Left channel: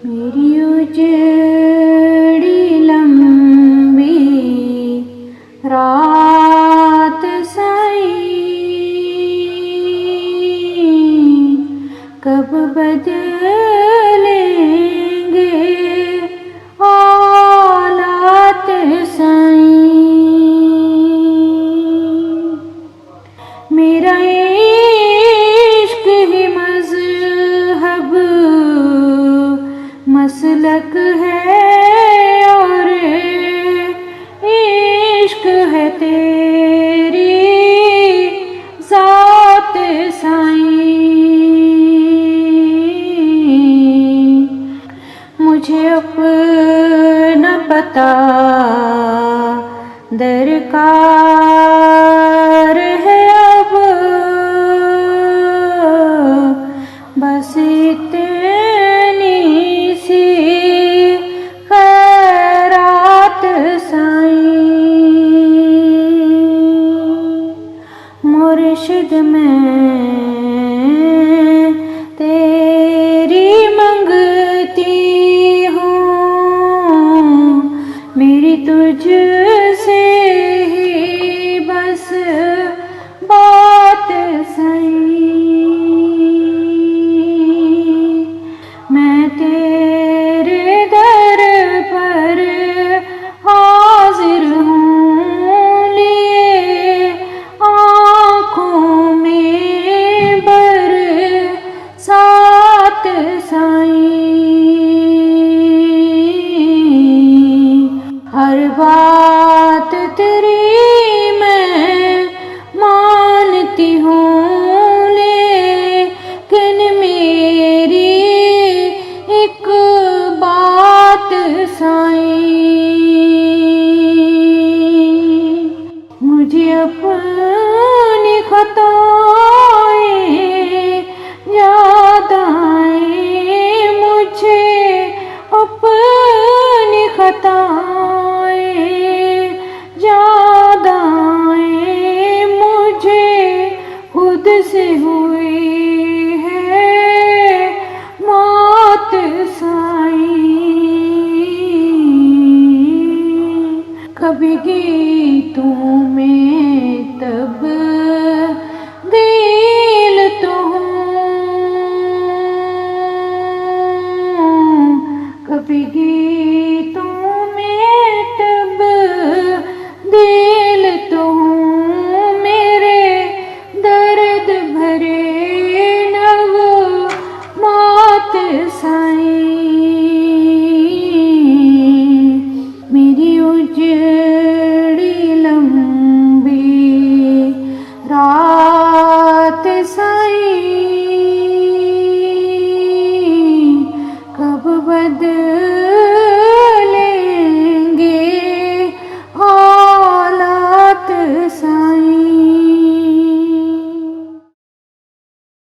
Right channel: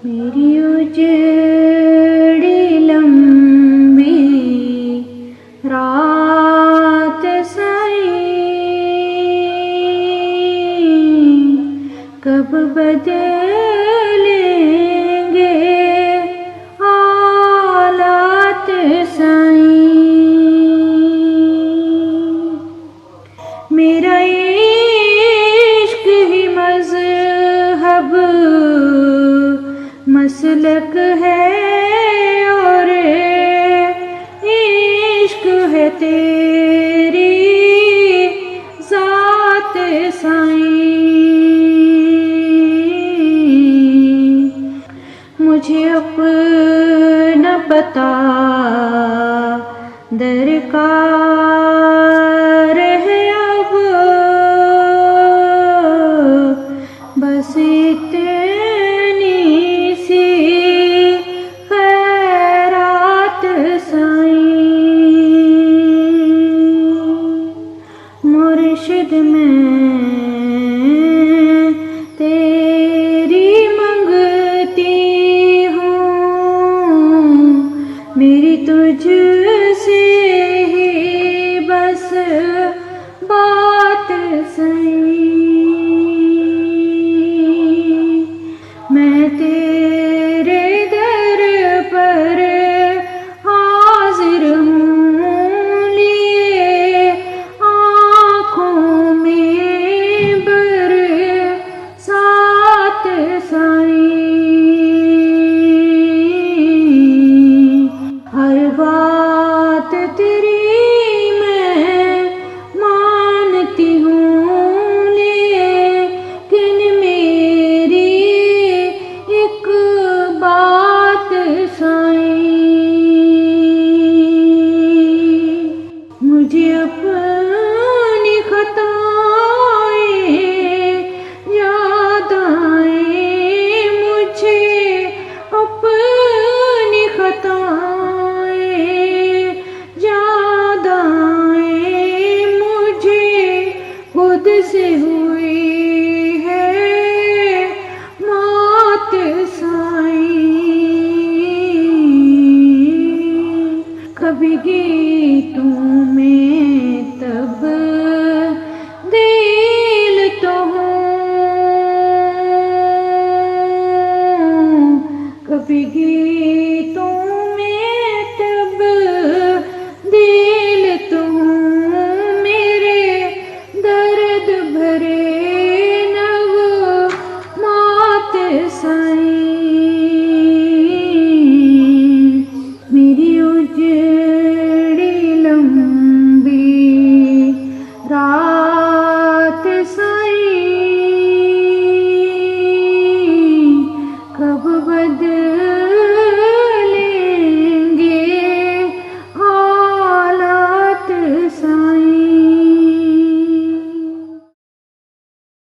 मेरी उजड़ी लंबी रात साईं, कब बदलेंगे हालात साईं। मेरा इश्क ही मज़हब मसलक है और इश्क है तेरी ज़ात साईं। मुझे अपना पता दरकार है अब, बस इतनी सी खैरात साईं। मुर्शिद में तेरी मंगती हूँ, मेरी तुझसे ही बस बात सही। मैं तेरे दर पर हाजिर हूँ, लिए आँखों में बरसात साईं। हर बात तेरी मैं मानती हूँ, लेकिन मेरी एक बात साईं। मुझे अपनी खताएं याद आएं, मुझे अपनी खताएं याद आएं, मुझे खुद से हुई है मौत साईं। कभी गीतों में तब दिल तो हूँ, कभी गीतों में तब दिल तो हूँ, मेरे दर्द भरे नग मौत साईं।